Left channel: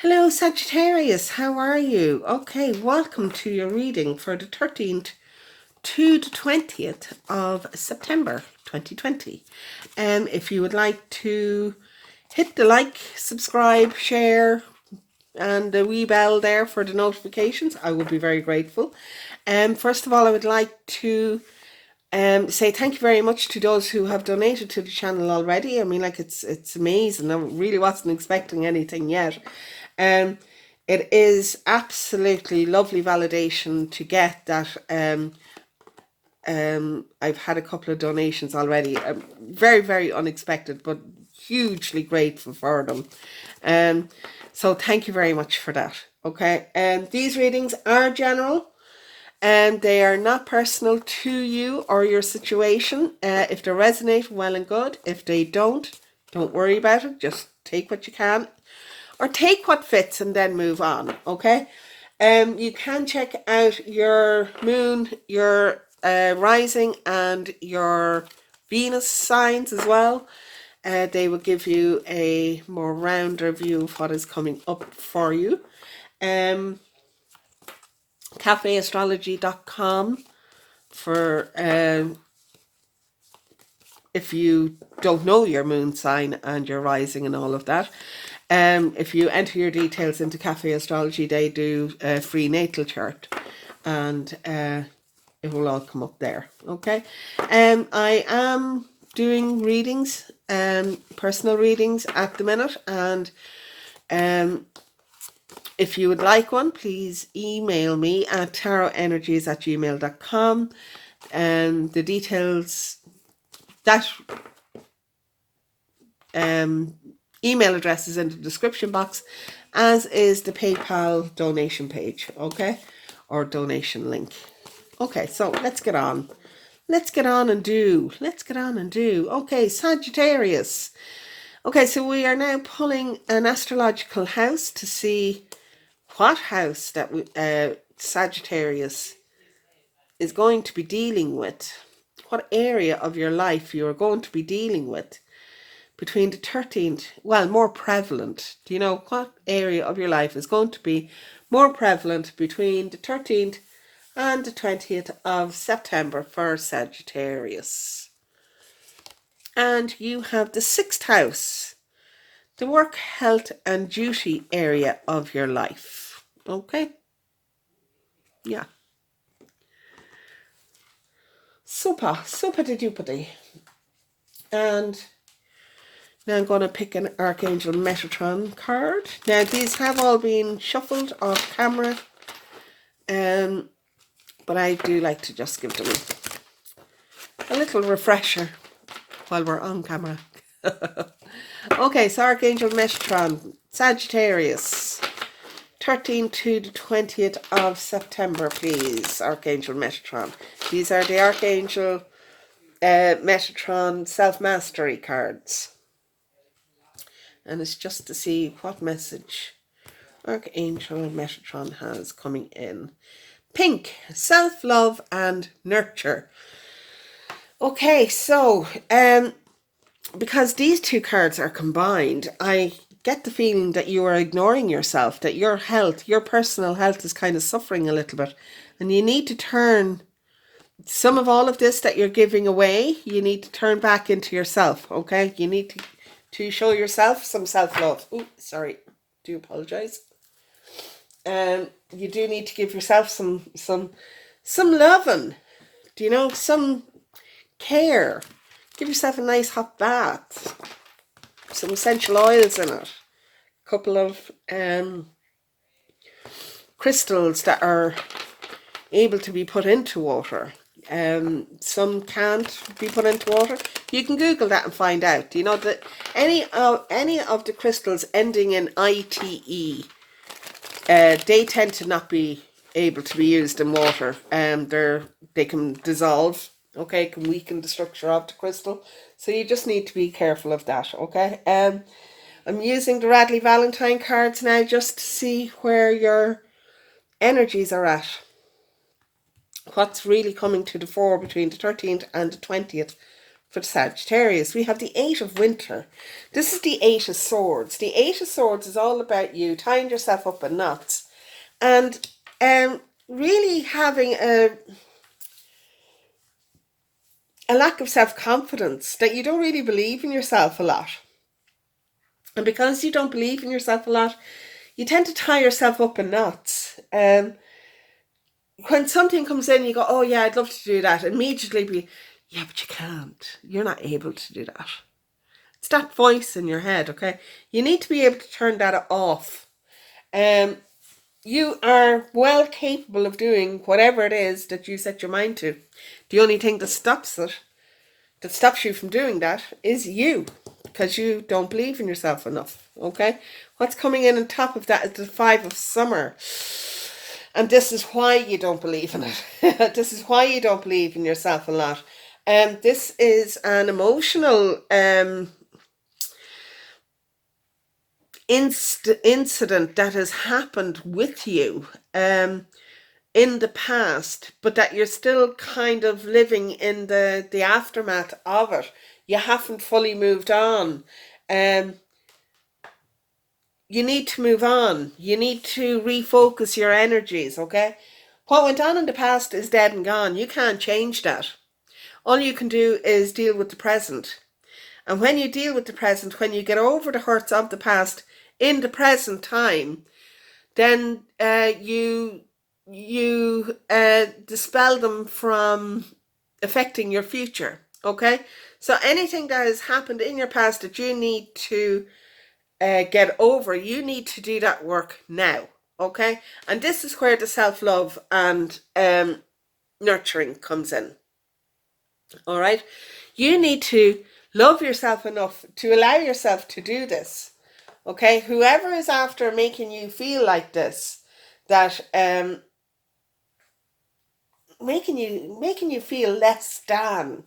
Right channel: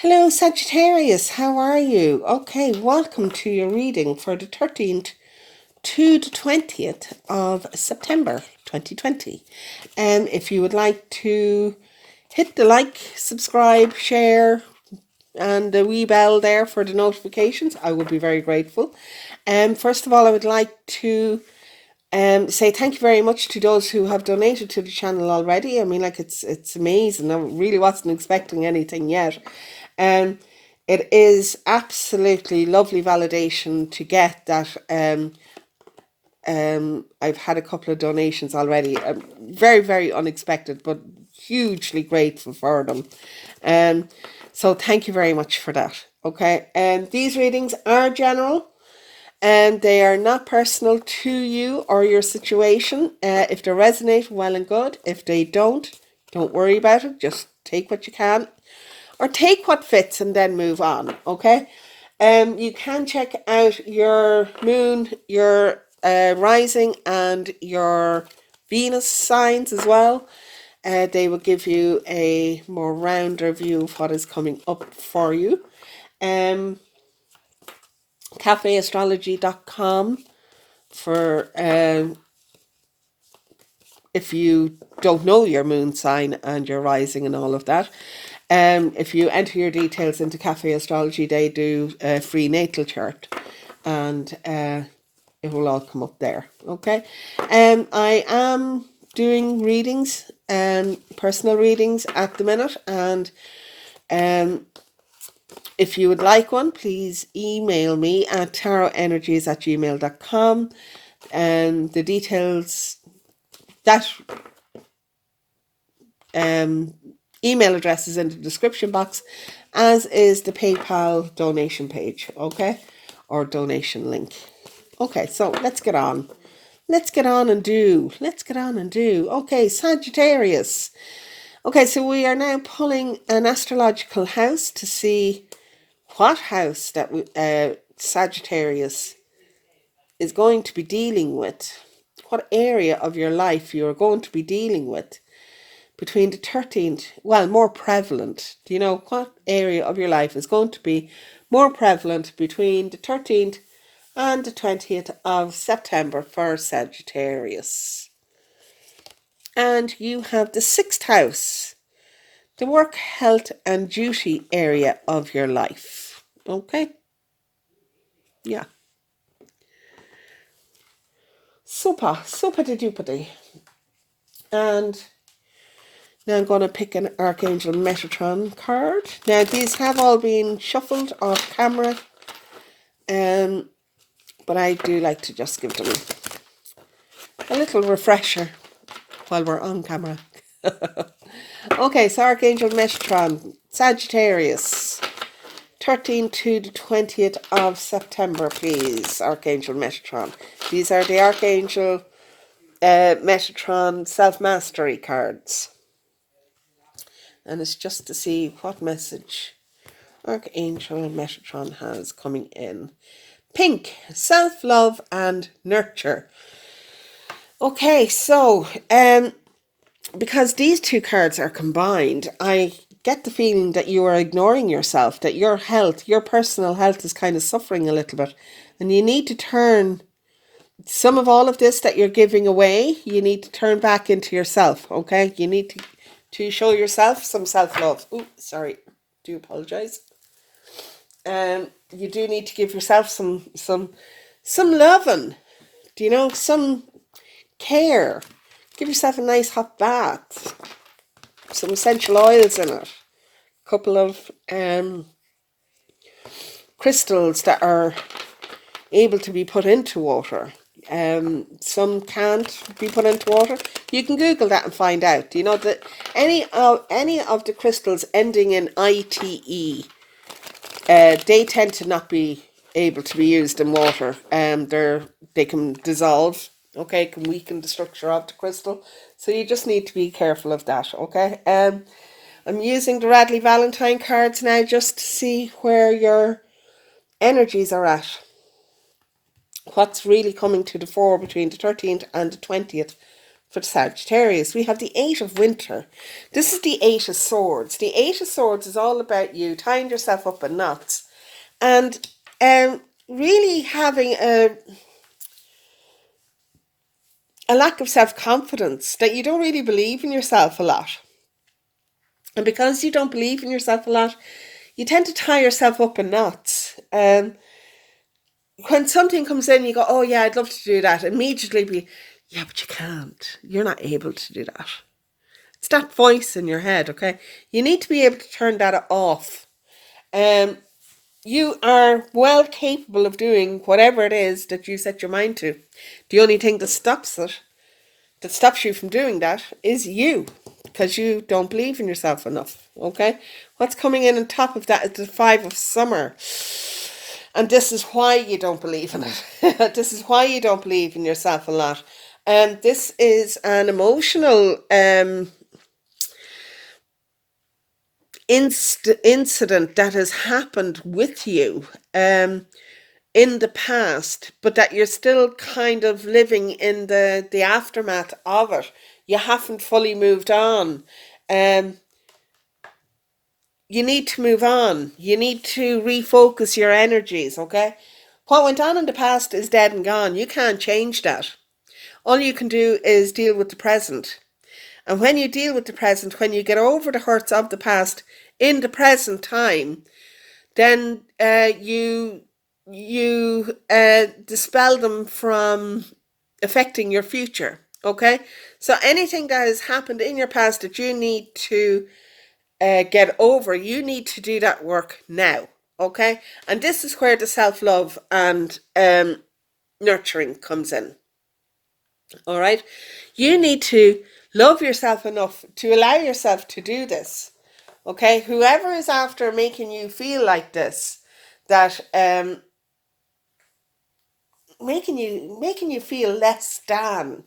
Hello, Sagittarius. How are you? Okay, welcome to your reading for the 13th to the 20th of September 2020. If you would like to hit the like, subscribe, share, and the wee bell there for the notifications, I would be very grateful. First of all, I would like to say thank you very much to those who have donated to the channel already. I mean, like, it's amazing. I really wasn't expecting anything yet. It is absolutely lovely validation to get that. I've had a couple of donations already. Very, very unexpected, but hugely grateful for them. So thank you very much for that. Okay. These readings are general, and they are not personal to you or your situation. If they resonate, well and good. If they don't worry about it. Just take what you can, or take what fits, and then move on. Okay. You can check out your moon, your rising, and your Venus signs as well. They will give you a more rounder view of what is coming up for you. cafeastrology.com for if you don't know your moon sign and your rising and all of that. If you enter your details into Cafe Astrology, they do a free natal chart, and it will all come up there. Okay. I am doing readings, personal readings at the minute, and if you would like one, please email me at tarotenergies@gmail.com. The details, that email address is in the description box, as is the PayPal donation page, okay, or donation link. Okay, so let's get on. Let's get on and do. Okay, Sagittarius. Okay, so we are now pulling an astrological house to see what house that Sagittarius is going to be dealing with, what area of your life you are going to be dealing with between the 13th, well, more prevalent. Do you know what area of your life is going to be more prevalent between the 13th and the 20th of September for Sagittarius? And you have the 6th house, the work, health, and duty area of your life. Okay? Yeah. Super de duper. And now I'm going to pick an Archangel Metatron card. Now, these have all been shuffled off camera, but I do like to just give them a little refresher while we're on camera. Okay, so Archangel Metatron, Sagittarius, 13th to the 20th of September, please, Archangel Metatron. These are the Archangel Metatron Self-Mastery cards. And it's just to see what message Archangel Metatron has coming in. Pink, self-love and nurture. Okay, so because these two cards are combined, I get the feeling that you are ignoring yourself, that your health, your personal health is kind of suffering a little bit. And you need to turn some of all of this that you're giving away, you need to turn back into yourself, okay? You need to show yourself some self-love. Oh, sorry. Do apologize. You do need to give yourself some loving, do you know, some care. Give yourself a nice hot bath, some essential oils in it, a couple of crystals that are able to be put into water. Some can't be put into water. You can Google that and find out. You know that any of the crystals ending in ITE, they tend to not be able to be used in water. They can dissolve. Okay, can weaken the structure of the crystal. So you just need to be careful of that. Okay. I'm using the Radley Valentine cards now just to see where your energies are at. What's really coming to the fore between the 13th and the 20th for Sagittarius. We have the Eight of Winter. This is the Eight of Swords. The Eight of Swords is all about you tying yourself up in knots and really having a lack of self-confidence, that you don't really believe in yourself a lot. And because you don't believe in yourself a lot, you tend to tie yourself up in knots. When something comes in, you go, oh yeah, I'd love to do that. Immediately be, yeah, but you can't. You're not able to do that. It's that voice in your head, okay? You need to be able to turn that off. You are well capable of doing whatever it is that you set your mind to. The only thing that stops you from doing that, is you, because you don't believe in yourself enough, okay? What's coming in on top of that is the Five of Summer. And this is why you don't believe in it. This is why you don't believe in yourself a lot. This is an emotional incident that has happened with you in the past, but that you're still kind of living in the aftermath of it. You haven't fully moved on. You need to move on. You need to refocus your energies, okay? What went on in the past is dead and gone. You can't change that. All you can do is deal with the present. And when you deal with the present, when you get over the hurts of the past in the present time, then you dispel them from affecting your future, okay? So anything that has happened in your past that you need to get over, you need to do that work now, okay? And this is where the self-love and nurturing comes in, all right? You need to love yourself enough to allow yourself to do this, okay? Whoever is after making you feel like this, that making you feel less than,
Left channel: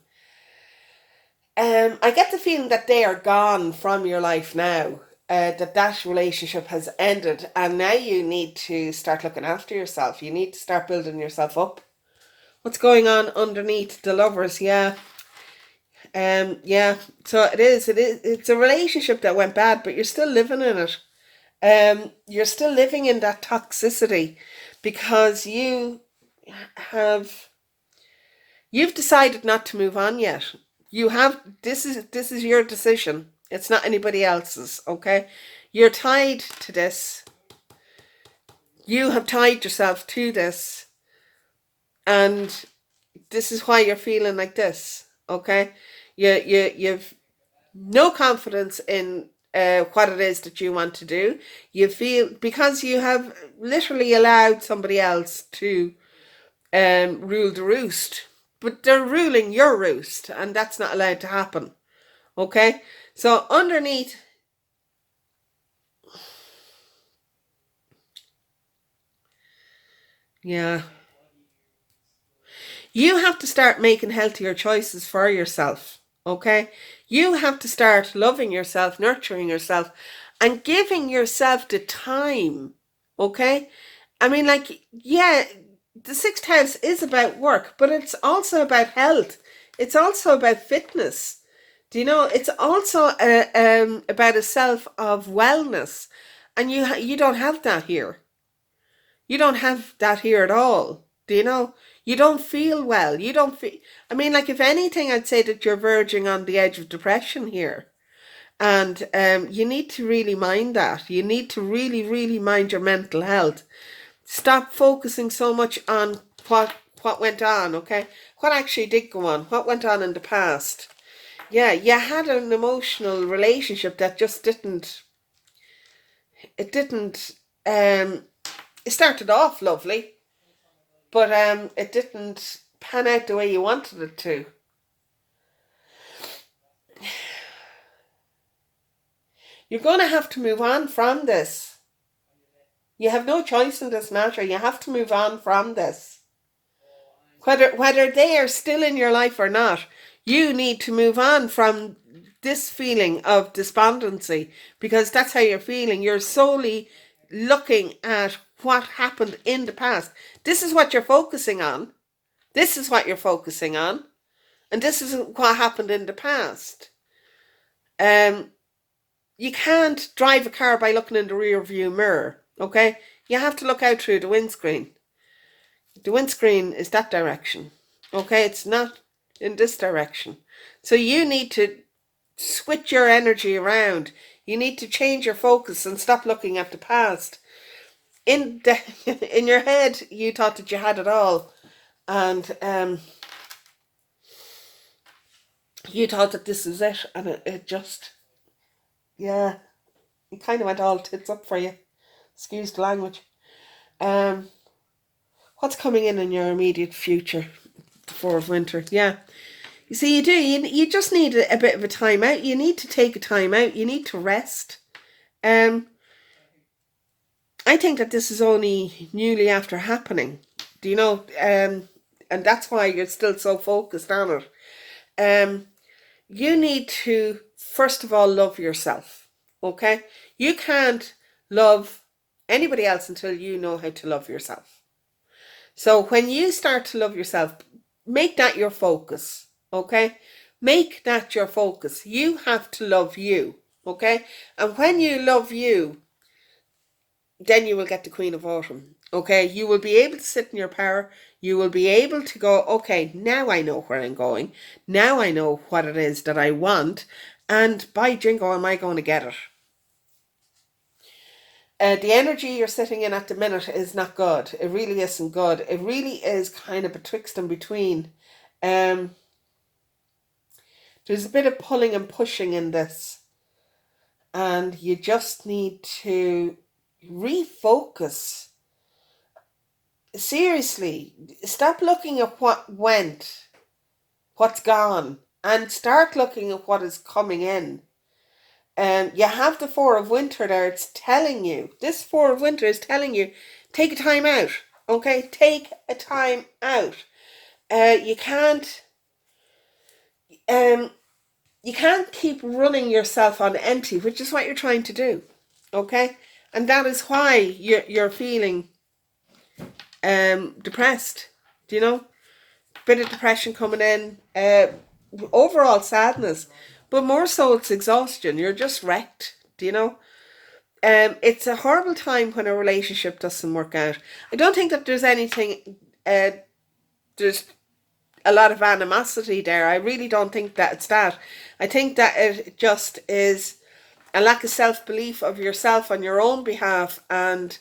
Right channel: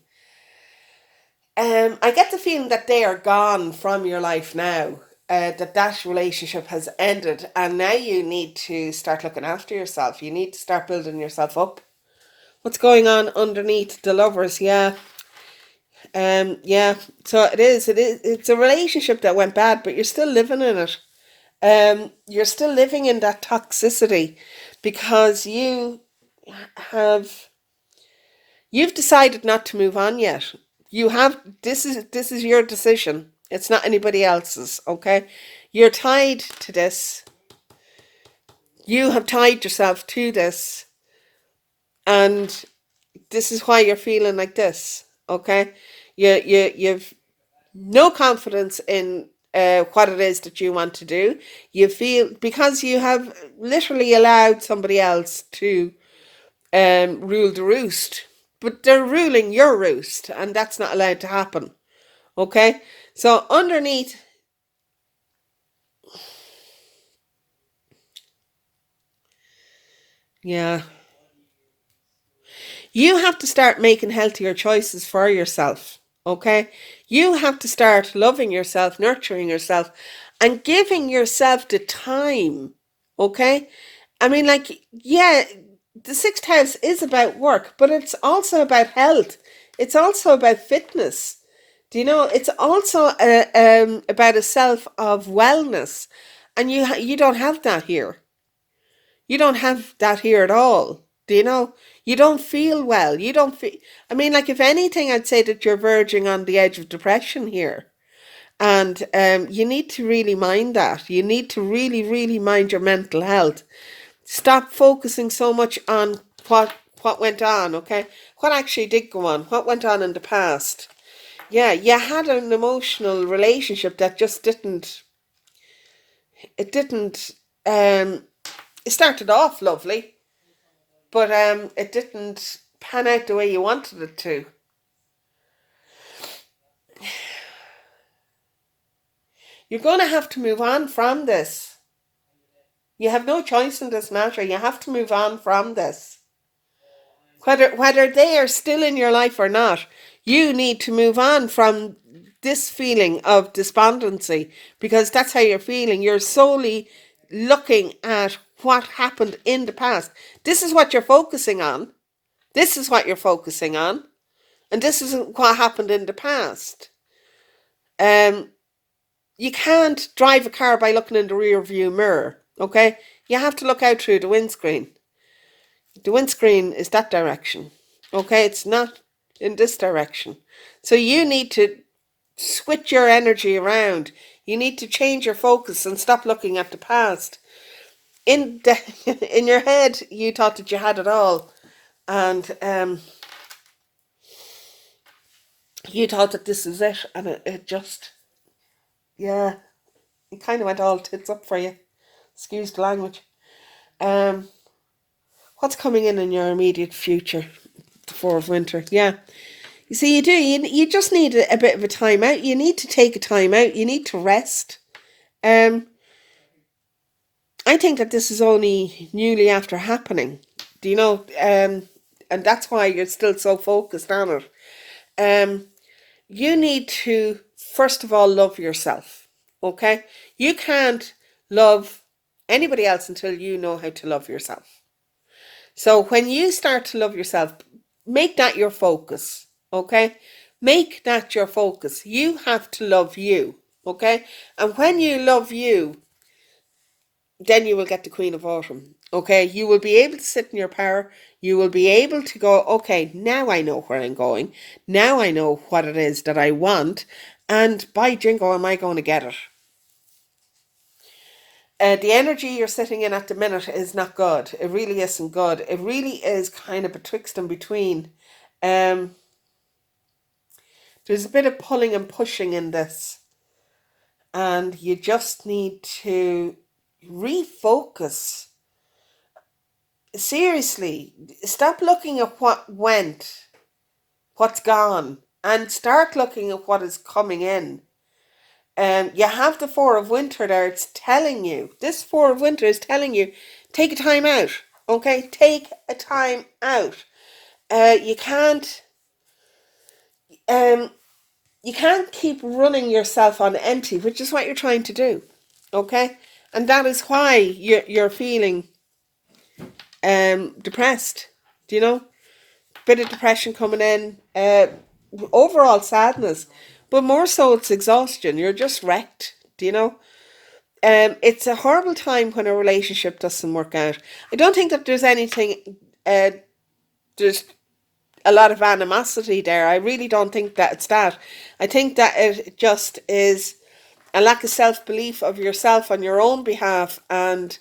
I get the feeling that they are gone from your life now. That relationship has ended, and now you need to start looking after yourself. You need to start building yourself up. What's going on underneath the lovers? Yeah. Yeah. So it's a relationship that went bad, but you're still living in it. You're still living in that toxicity because you've decided not to move on yet. This is your decision. It's not anybody else's, okay? You're tied to this. You have tied yourself to this, and this is why you're feeling like this, okay? You've no confidence in what it is that you want to do. You feel, because you have literally allowed somebody else to rule the roost, but they're ruling your roost, and that's not allowed to happen, okay? So underneath, yeah, you have to start making healthier choices for yourself, okay? You have to start loving yourself, nurturing yourself, and giving yourself the time, okay? I mean, like, yeah, the sixth house is about work, but it's also about health. It's also about fitness. Do you know? It's also about a self of wellness, and you don't have that here. You don't have that here at all. Do you know? You don't feel well. You don't feel. I mean, like, if anything, I'd say that you're verging on the edge of depression here. And you need to really mind that. You need to really, really mind your mental health. Stop focusing so much on what went on, okay? What actually did go on? What went on in the past? Yeah, you had an emotional relationship that just didn't. It didn't. It started off lovely, but it didn't pan out the way you wanted it to. You're going to have to move on from this. You have no choice in this matter. You have to move on from this. Whether they are still in your life or not, you need to move on from this feeling of despondency, because that's how you're feeling. You're solely looking at what happened in the past. This is what you're focusing on. This is what you're focusing on. And this is what happened in the past. You can't drive a car by looking in the rear view mirror, okay? You have to look out through the windscreen. The windscreen is that direction, okay? It's not in this direction. So you need to switch your energy around. You need to change your focus and stop looking at the past. In your head, you thought that you had it all, and you thought that this is it, and it just, yeah, it kind of went all tits up for you. Excuse the language. What's coming in your immediate future? The Four of Winter. Yeah. You see, you do. You just need a bit of a time out. You need to take a time out. You need to rest. I think that this is only newly after happening. Do you know? And that's why you're still so focused on it. You need to, first of all, love yourself. Okay? You can't love anybody else until you know how to love yourself. So when you start to love yourself, make that your focus, okay? Make that your focus. You have to love you, okay? And when you love you, then you will get the Queen of Autumn, okay? You will be able to sit in your power. You will be able to go, okay, now I know where I'm going. Now I know what it is that I want. And by jingo, am I going to get it? The energy you're sitting in at the minute is not good. It really isn't good. It really is kind of betwixt and between. There's a bit of pulling and pushing in this. And you just need to refocus. Seriously, stop looking at what went, what's gone, and start looking at what is coming in. You have the Four of Winter there. It's telling you, this Four of Winter is telling you, take a time out. Okay, take a time out. You can't keep running yourself on empty, which is what you're trying to do. Okay, and that is why you're feeling depressed. Do you know? Bit of depression coming in. Overall sadness, but more so it's exhaustion. You're just wrecked. Do you know? It's a horrible time when a relationship doesn't work out. I don't think that there's anything, there's a lot of animosity there. I really don't think that it's that. I think that it just is a lack of self-belief of yourself on your own behalf, and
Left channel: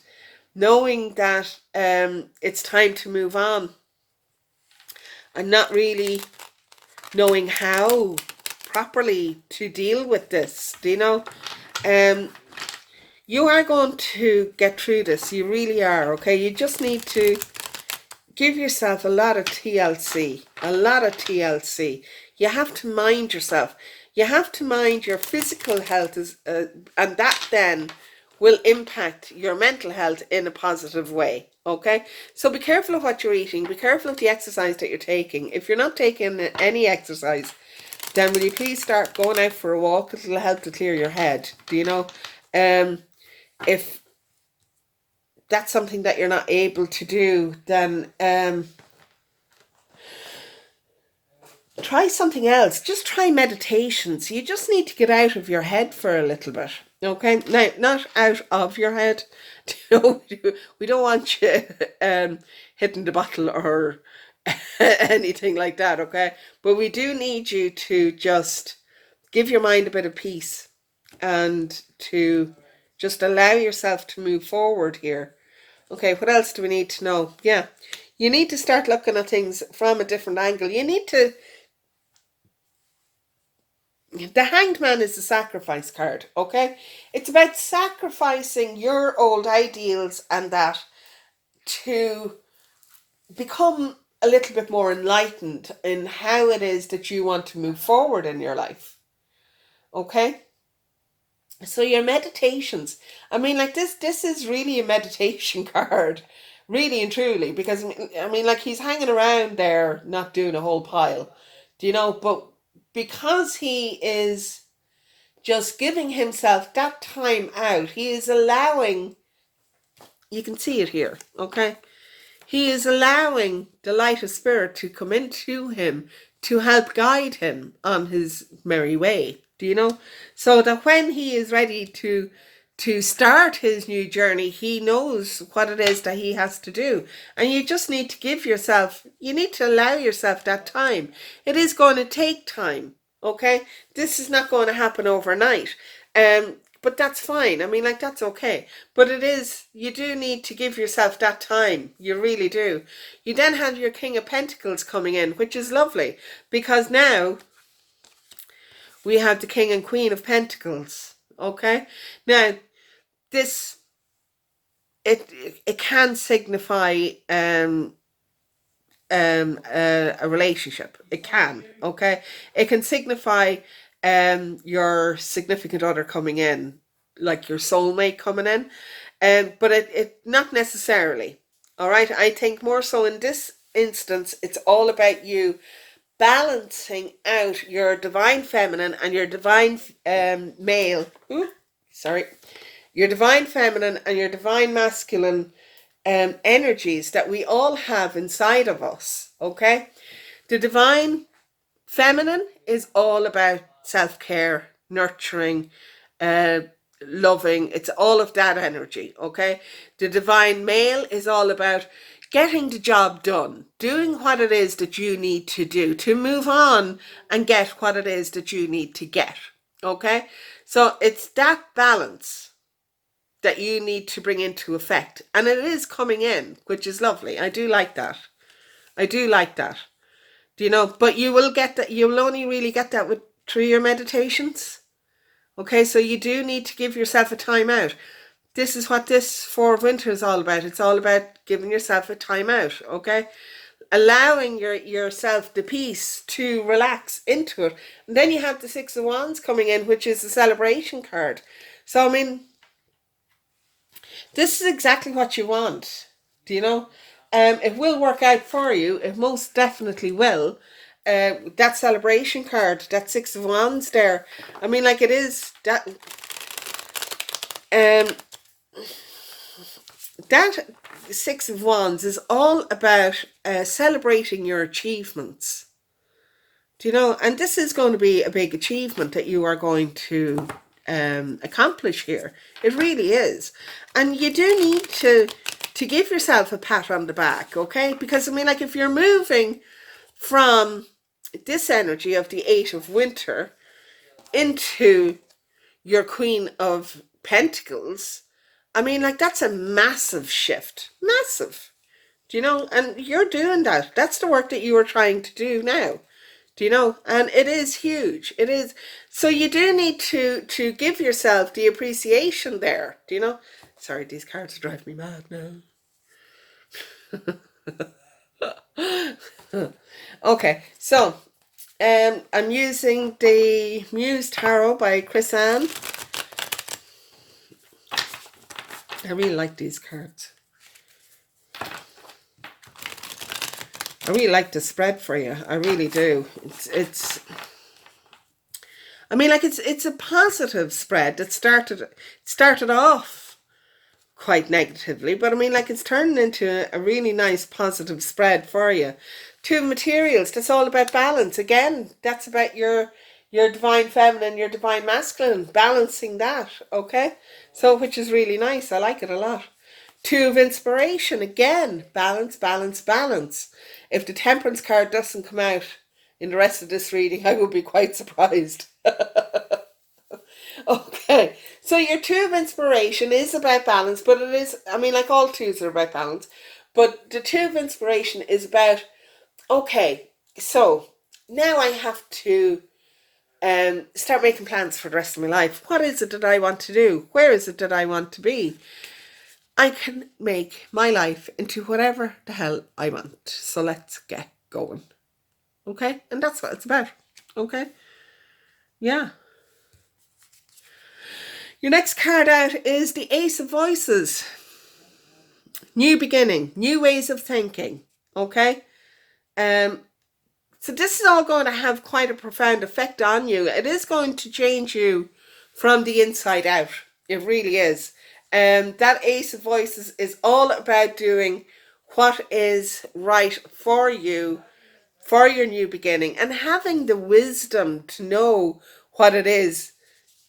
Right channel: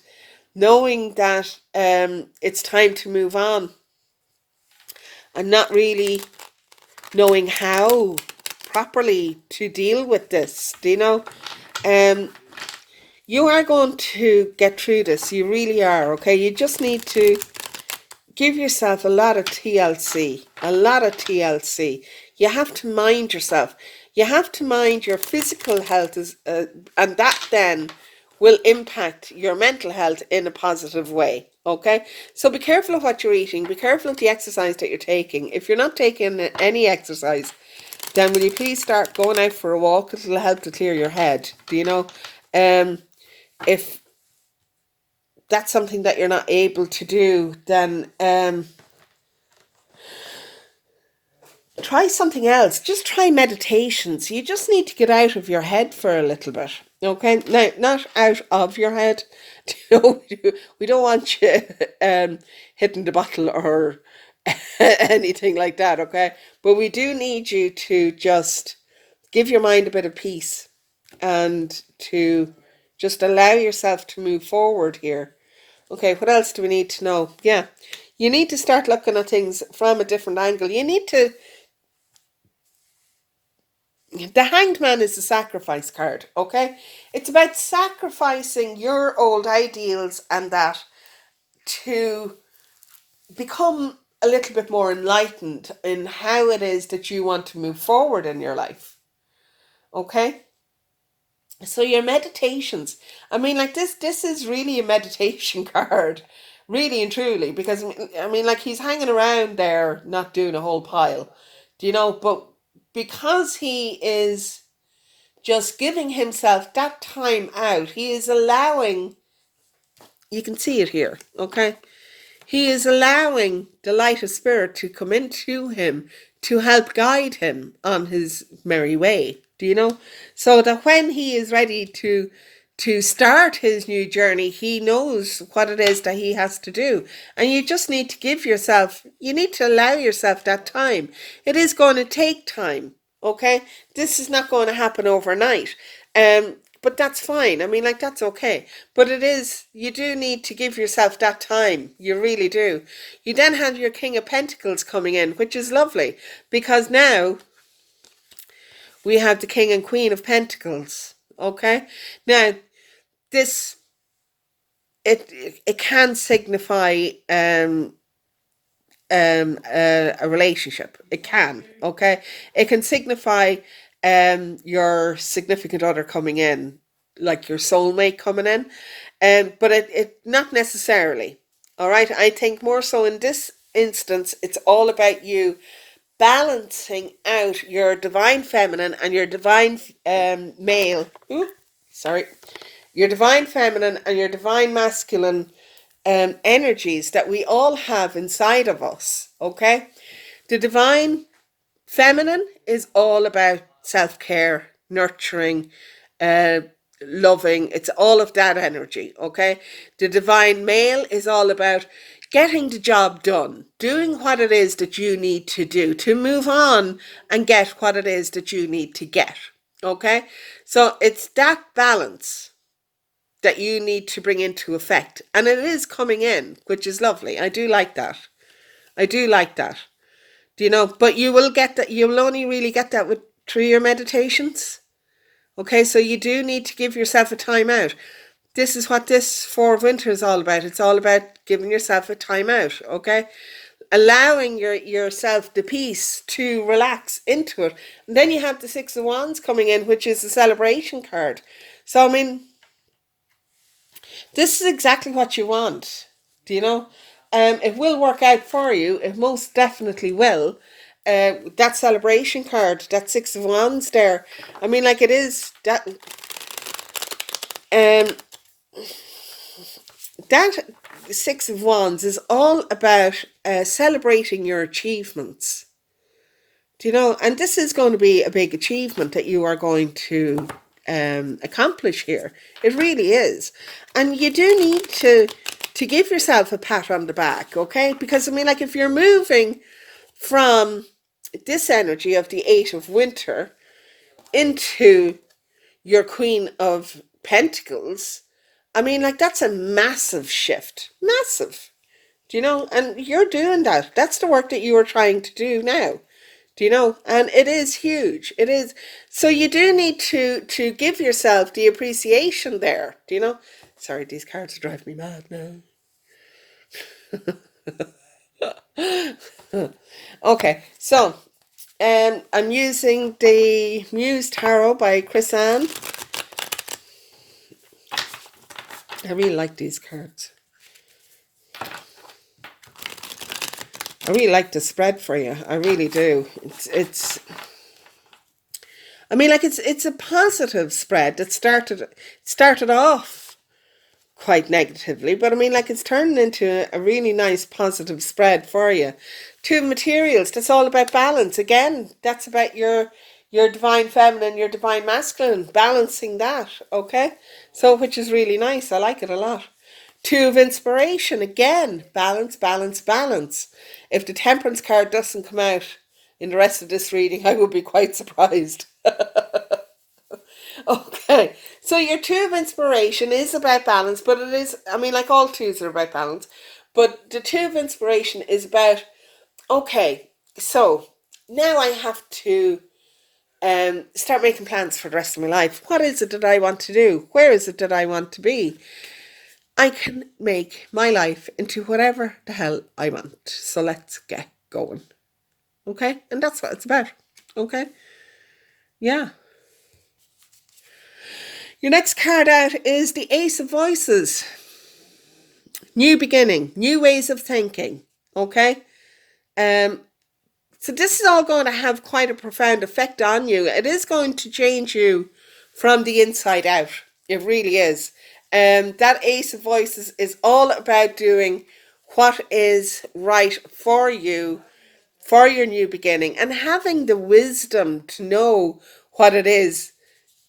knowing that it's time to move on, and not really knowing how properly to deal with this. Do you know? You are going to get through this. You really are, okay? You just need to give yourself a lot of TLC. A lot of TLC. You have to mind yourself. You have to mind your physical health, and that then will impact your mental health in a positive way, okay? So be careful of what you're eating. Be careful of the exercise that you're taking. If you're not taking any exercise, then will you please start going out for a walk? It'll help to clear your head. Do you know? If that's something that you're not able to do, then try something else. Just try meditations. You just need to get out of your head for a little bit. Okay? Now, not out of your head. We don't want you hitting the bottle or anything like that, okay? But we do need you to just give your mind a bit of peace and to just allow yourself to move forward here. Okay, what else do we need to know? Yeah, you need to start looking at things from a different angle. You need to... The Hanged Man is a sacrifice card, okay? It's about sacrificing your old ideals and that to become a little bit more enlightened in how it is that you want to move forward in your life, okay? So your meditations, I mean, like this is really a meditation card, really and truly, because I mean, like he's hanging around there, not doing a whole pile, do you know? But because he is just giving himself that time out, he is allowing, you can see it here, okay? He is allowing the light of spirit to come into him to help guide him on his merry way, do you know? So that when he is ready to start his new journey, he knows what it is that he has to do. And you just need to you need to allow yourself that time. It is going to take time, okay? This is not going to happen overnight. But that's fine. I mean, like, that's okay. But you do need to give yourself that time. You really do. You then have your King of Pentacles coming in, which is lovely, because now we have the King and Queen of Pentacles. Okay? Now, this, it can signify a relationship. It can, okay? It can signify your significant other coming in, like your soulmate coming in, but it not necessarily. All right, I think more so in this instance, it's all about you balancing out your divine feminine and your divine male. Ooh, sorry, your divine feminine and your divine masculine energies that we all have inside of us, okay? The divine feminine is all about self-care, nurturing, uh, loving. It's all of that energy, okay? The divine male is all about getting the job done, doing what it is that you need to do to move on and get what it is that you need to get, okay? So it's that balance that you need to bring into effect. And it is coming in, which is lovely. I do like that. I do like that. Do you know? But you will get that. You will only really get that through your meditations. Okay, so you do need to give yourself a time out. This is what this Four of Winter is all about. It's all about giving yourself a time out. Okay, allowing yourself the peace to relax into it. And then you have the Six of Wands coming in, which is a celebration card. So I mean, this is exactly what you want. Do you know? It will work out for you. It most definitely will. That celebration card, that Six of Wands there. I mean, like, it is that. That Six of Wands is all about celebrating your achievements. Do you know? And this is going to be a big achievement that you are going to accomplish here. It really is. And you do need to give yourself a pat on the back, okay? Because, I mean, like, if you're moving from this energy of the Eight of Winter into your Queen of Pentacles, I mean, like, that's a massive shift. Massive. Do you know? And you're doing that. That's the work that you are trying to do now. Do you know? And it is huge. It is. So you do need to give yourself the appreciation there. Do you know? Sorry, these cards drive me mad now. Okay, so I'm using the Muse Tarot by Chris Ann. I really like these cards. I really like the spread for you. I really do. It's I mean, like, it's a positive spread that started off quite negatively, but I mean, like, it's turning into a really nice positive spread for you. Two materials, that's all about balance. Again, that's about your divine feminine, your divine masculine, balancing that, okay? So, which is really nice. I like it a lot. Two of inspiration, again, balance, balance, balance. If the temperance card doesn't come out in the rest of this reading, I would be quite surprised. Okay, so your two of inspiration is about balance, but it is, I mean, like, all twos are about balance, but the two of inspiration is about, okay, so now I have to start making plans for the rest of my life. What is it that I want to do? Where is it that I want to be? I can make my life into whatever the hell I want. So let's get going. Okay? And that's what it's about. Okay? Yeah. Your next card out is the Ace of Voices. New beginning, new ways of thinking. Okay? So this is all going to have quite a profound effect on you. It is going to change you from the inside out. It really is. That Ace of Voices is all about doing what is right for you for your new beginning and having the wisdom to know what it is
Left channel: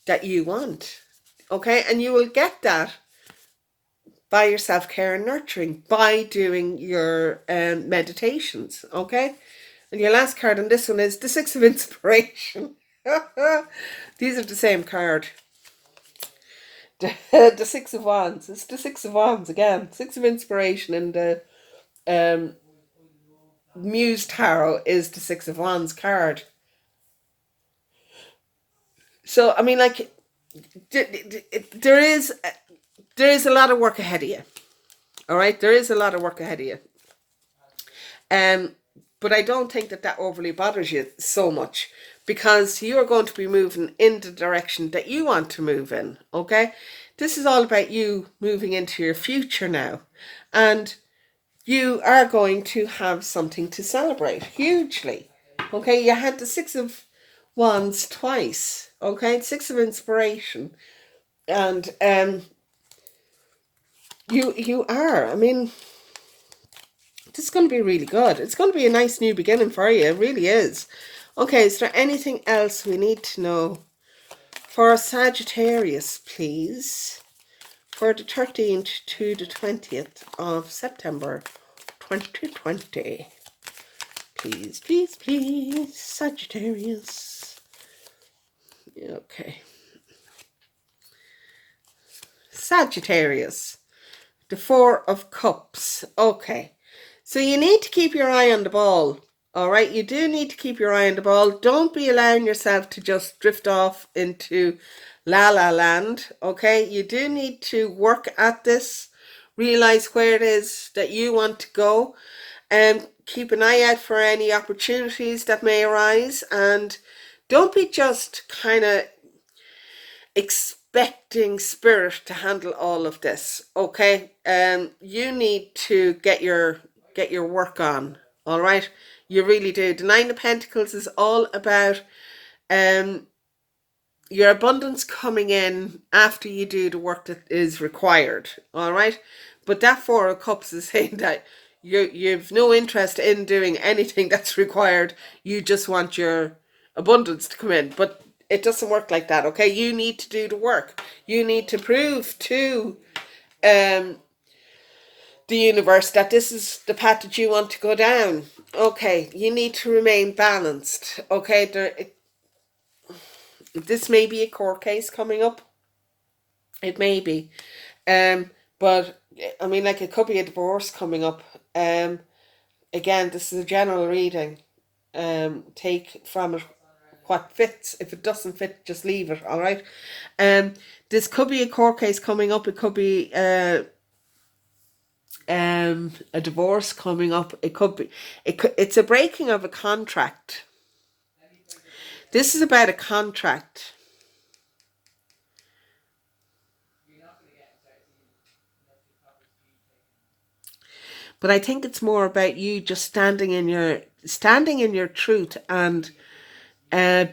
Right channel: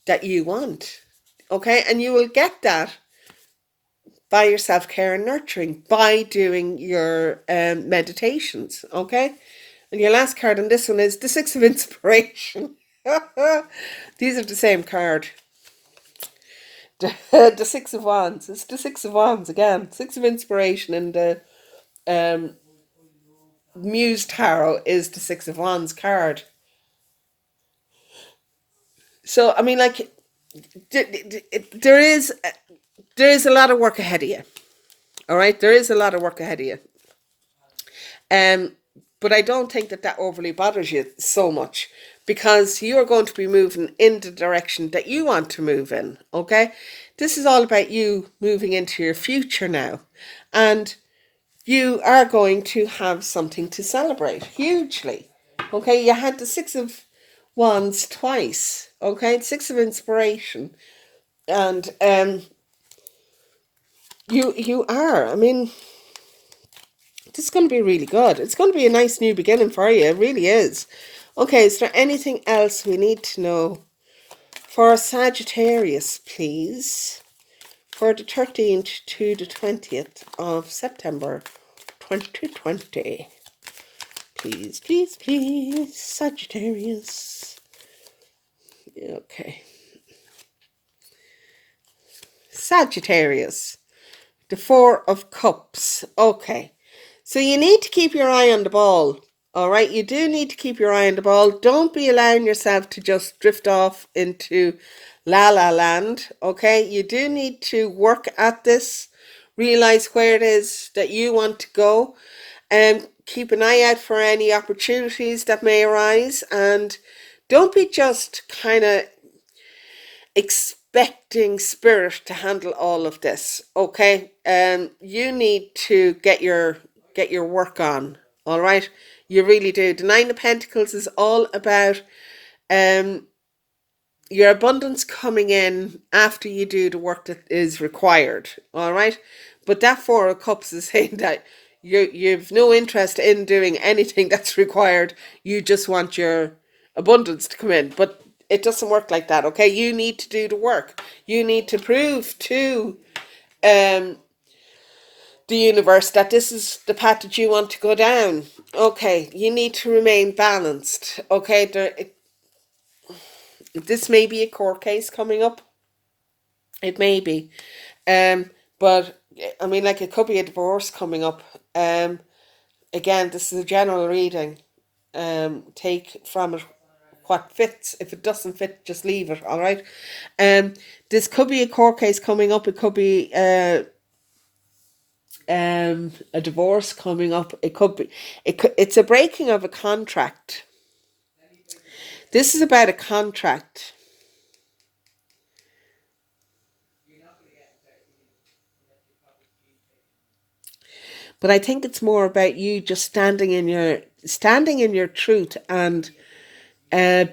that you want. Okay, and you will get that by your self-care and nurturing, by doing your meditations. Okay, and your last card on this one is the Six of Inspiration. These are the same card. The Six of Wands. It's the Six of Wands again. Six of Inspiration, and the Muse Tarot is the Six of Wands card. So I mean, like, there is a lot of work ahead of you. All right, there is a lot of work ahead of you. But I don't think that overly bothers you so much, because you are going to be moving in the direction that you want to move in. Okay, this is all about you moving into your future now, and you are going to have something to celebrate hugely. Okay, you had the Six of Wands twice. Okay, Six of Inspiration, and you are. I mean, this is going to be really good. It's going to be a nice new beginning for you. It really is. Okay, is there anything else we need to know for Sagittarius, please? For the 13th to the 20th of September 2020. Please, please, please, Sagittarius. Okay. Sagittarius. The Four of Cups. Okay. So you need to keep your eye on the ball. All right. You do need to keep your eye on the ball. Don't be allowing yourself to just drift off into la la land. Okay. You do need to work at this. Realize where it is that you want to go. And keep an eye out for any opportunities that may arise. And don't be just kind of expecting spirit to handle all of this. Okay. You need to get your work on. All right. You really do. The Nine of Pentacles is all about your abundance coming in after you do the work that is required. All right. But that Four of Cups is saying that you've no interest in doing anything that's required. You just want your abundance to come in. But it doesn't work like that. Okay. You need to do the work. You need to prove to the universe that this is the path that you want to go down. Okay, you need to remain balanced. Okay, this may be a court case coming up. It may be, but I mean, like, it could be a divorce coming up. Again, this is a general reading. Take from it what fits. If it doesn't fit, just leave it. All right. This could be a court case coming up. It could be a divorce coming up. It's a breaking of a contract. This is about a contract. But I think it's more about you just standing in your truth, and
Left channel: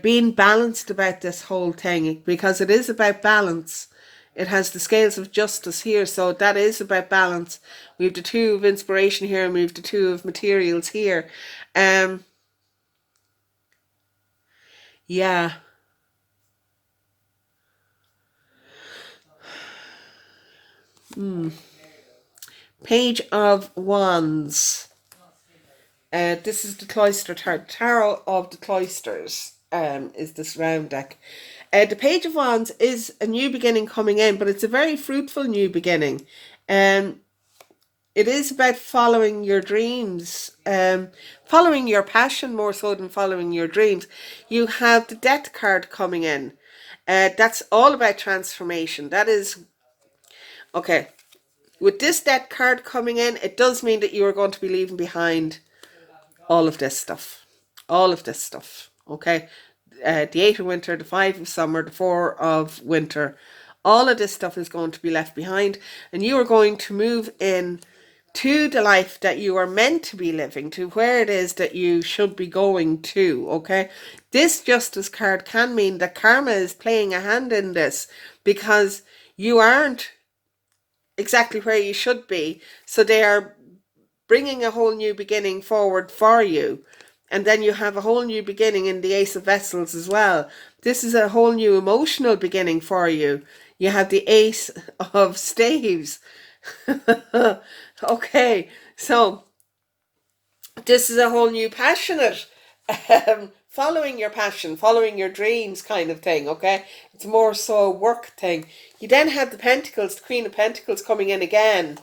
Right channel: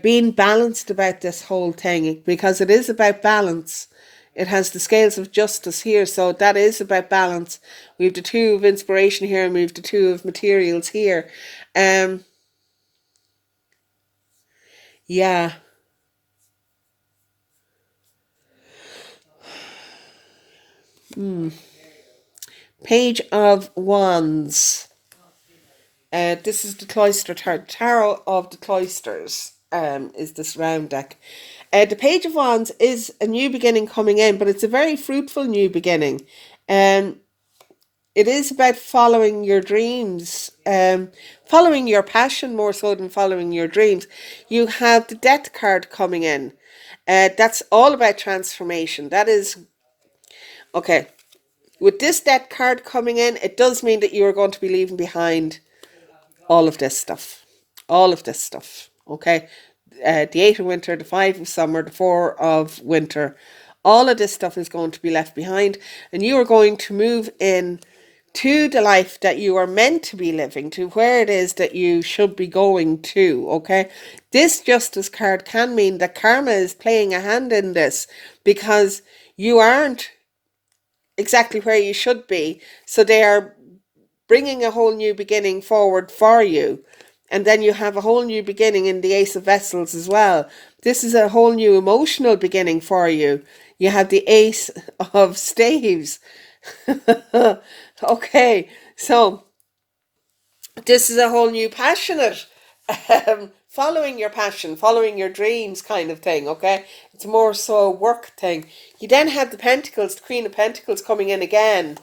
being balanced about this whole thing, because it is about balance. It has the scales of justice here, so that is about balance. We have the Two of Inspiration here, and we have the Two of Materials here. Yeah. Page of Wands. This is the Cloister Tarot of the Cloisters. Is this round deck. The Page of Wands is a new beginning coming in, but it's a very fruitful new beginning. It is about following your dreams, following your passion more so than following your dreams. You have the Death card coming in. That's all about transformation. That is, okay. With this Death card coming in, it does mean that you are going to be leaving behind all of this stuff. All of this stuff. Okay. The Eight of Winter, the Five of Summer, the Four of Winter. All of this stuff is going to be left behind. And you are going to move in to the life that you are meant to be living, to where it is that you should be going to. Okay. This Justice card can mean that karma is playing a hand in this, because you aren't exactly where you should be. So they are bringing a whole new beginning forward for you. And then you have a whole new beginning in the Ace of Vessels as well. This is a whole new emotional beginning for you. You have the Ace of Staves. Okay, so this is a whole new passionate, following your passion, following your dreams kind of thing, okay? It's more so a work thing. You then have the Pentacles, the Queen of Pentacles coming in again.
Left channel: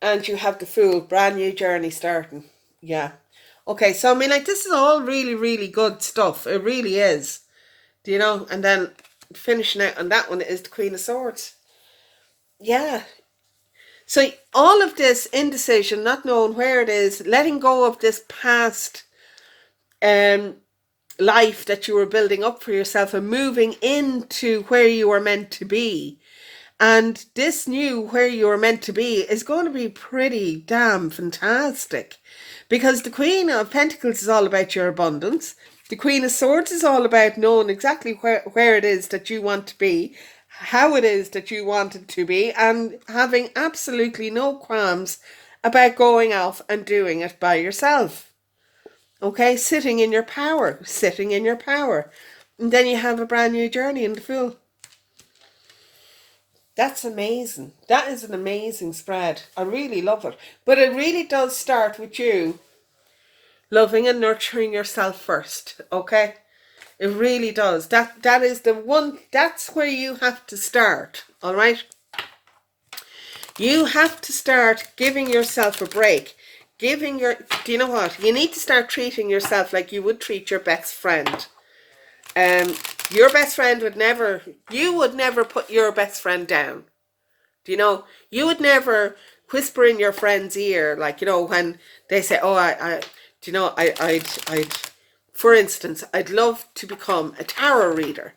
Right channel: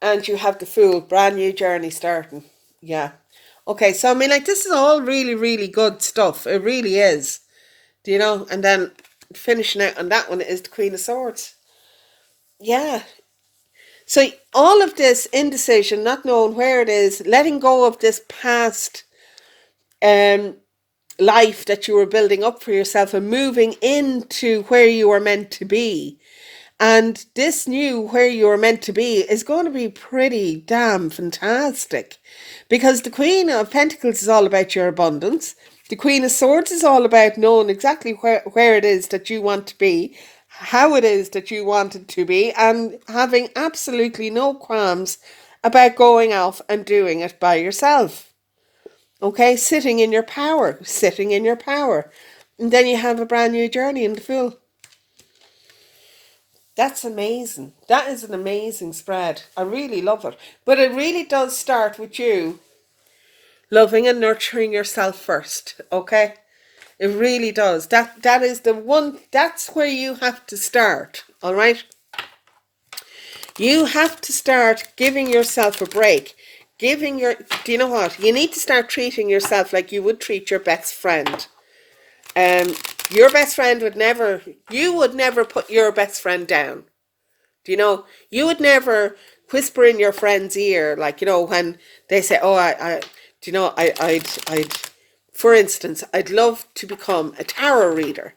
And you have the Fool, brand new journey starting. Yeah. Okay, so I mean, like, this is all really, really good stuff. It really is. Do you know? And then finishing out on that one is the Queen of Swords. Yeah. So all of this indecision, not knowing where it is, letting go of this past life that you were building up for yourself and moving into where you were meant to be. And this new where you're meant to be is going to be pretty damn fantastic, because the Queen of Pentacles is all about your abundance. The Queen of Swords is all about knowing exactly where it is that you want to be, how it is that you want it to be, and having absolutely no qualms about going off and doing it by yourself. Okay, sitting in your power, sitting in your power. And then you have a brand new journey in the Fool. That's amazing. That is an amazing spread. I really love it. But it really does start with you loving and nurturing yourself first, okay? It really does. That is the one, that's where you have to start, all right? You have to start giving yourself a break. Do you know what? You need to start treating yourself like you would treat your best friend. Your best friend you would never put your best friend down. Do you know, you would never whisper in your friend's ear, like, you know, when they say, oh, do you know, I'd, for instance, I'd love to become a tarot reader.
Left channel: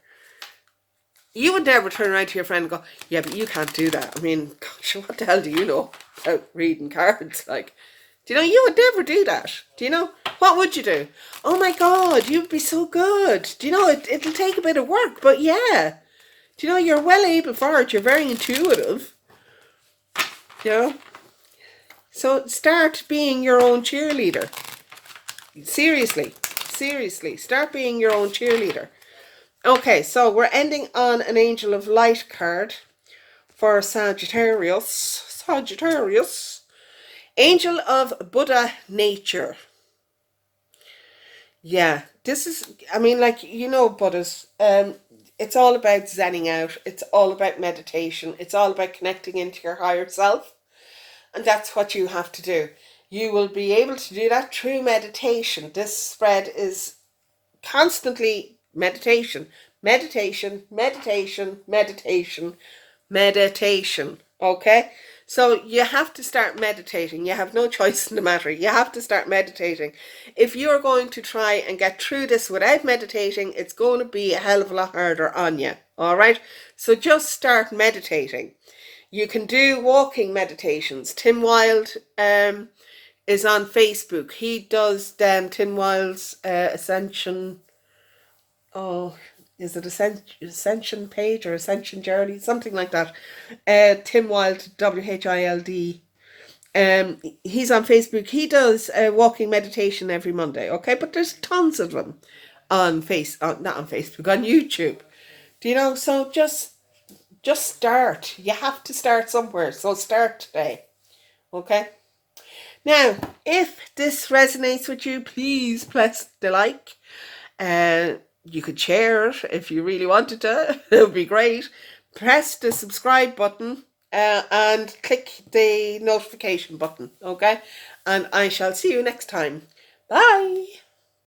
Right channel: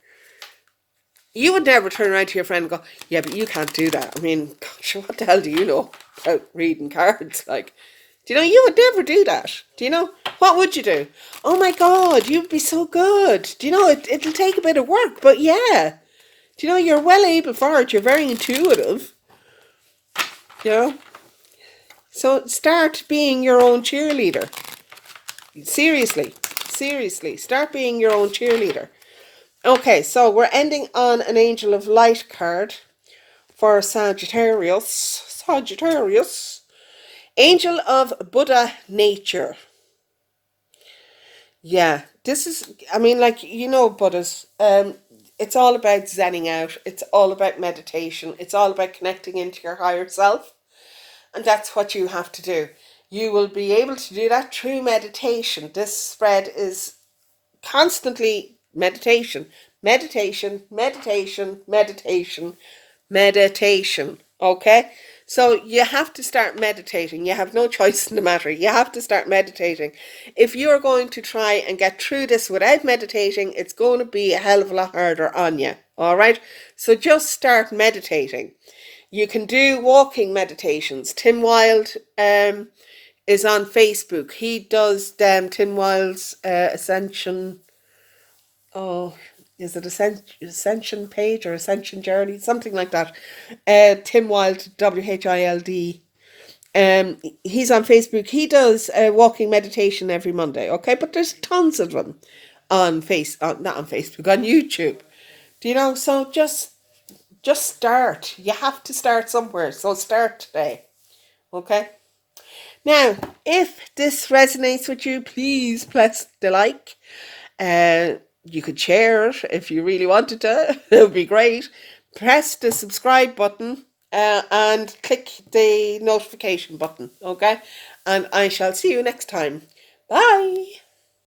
You would never turn around to your friend and go, yeah, but you can't do that. I mean, gosh, what the hell do you know about reading cards? Like, do you know, you would never do that. Do you know, what would you do? Oh my God, you'd be so good. Do you know, it'll take a bit of work, but yeah. Do you know, you're well able for it. You're very intuitive. You know? So start being your own cheerleader. Seriously. Seriously. Start being your own cheerleader. Okay, so we're ending on an Angel of Light card for Sagittarius. Sagittarius. Angel of Buddha Nature. Yeah, this is, I mean, like, you know, Buddhas, it's all about zenning out. It's all about meditation. It's all about connecting into your higher self. And that's what you have to do. You will be able to do that through meditation. This spread is constantly meditation, meditation, meditation, meditation, meditation. Okay? So you have to start meditating. You have no choice in the matter. You have to start meditating. If you're going to try and get through this without meditating, it's going to be a hell of a lot harder on you. All right? So just start meditating. You can do walking meditations. Tim Wilde is on Facebook. He does Tim Wilde's Ascension. Oh, is it Ascension page or Ascension Journey? Something like that. Tim Wilde, Wild. He's on Facebook. He does walking meditation every Monday. Okay, but there's tons of them on not on Facebook, on YouTube. Do you know? So just start. You have to start somewhere. So start today. Okay? Now, if this resonates with you, please press the like. You could share it if you really wanted to. It would be great. Press the subscribe button and click the notification button. Okay? And I shall see you next time. Bye.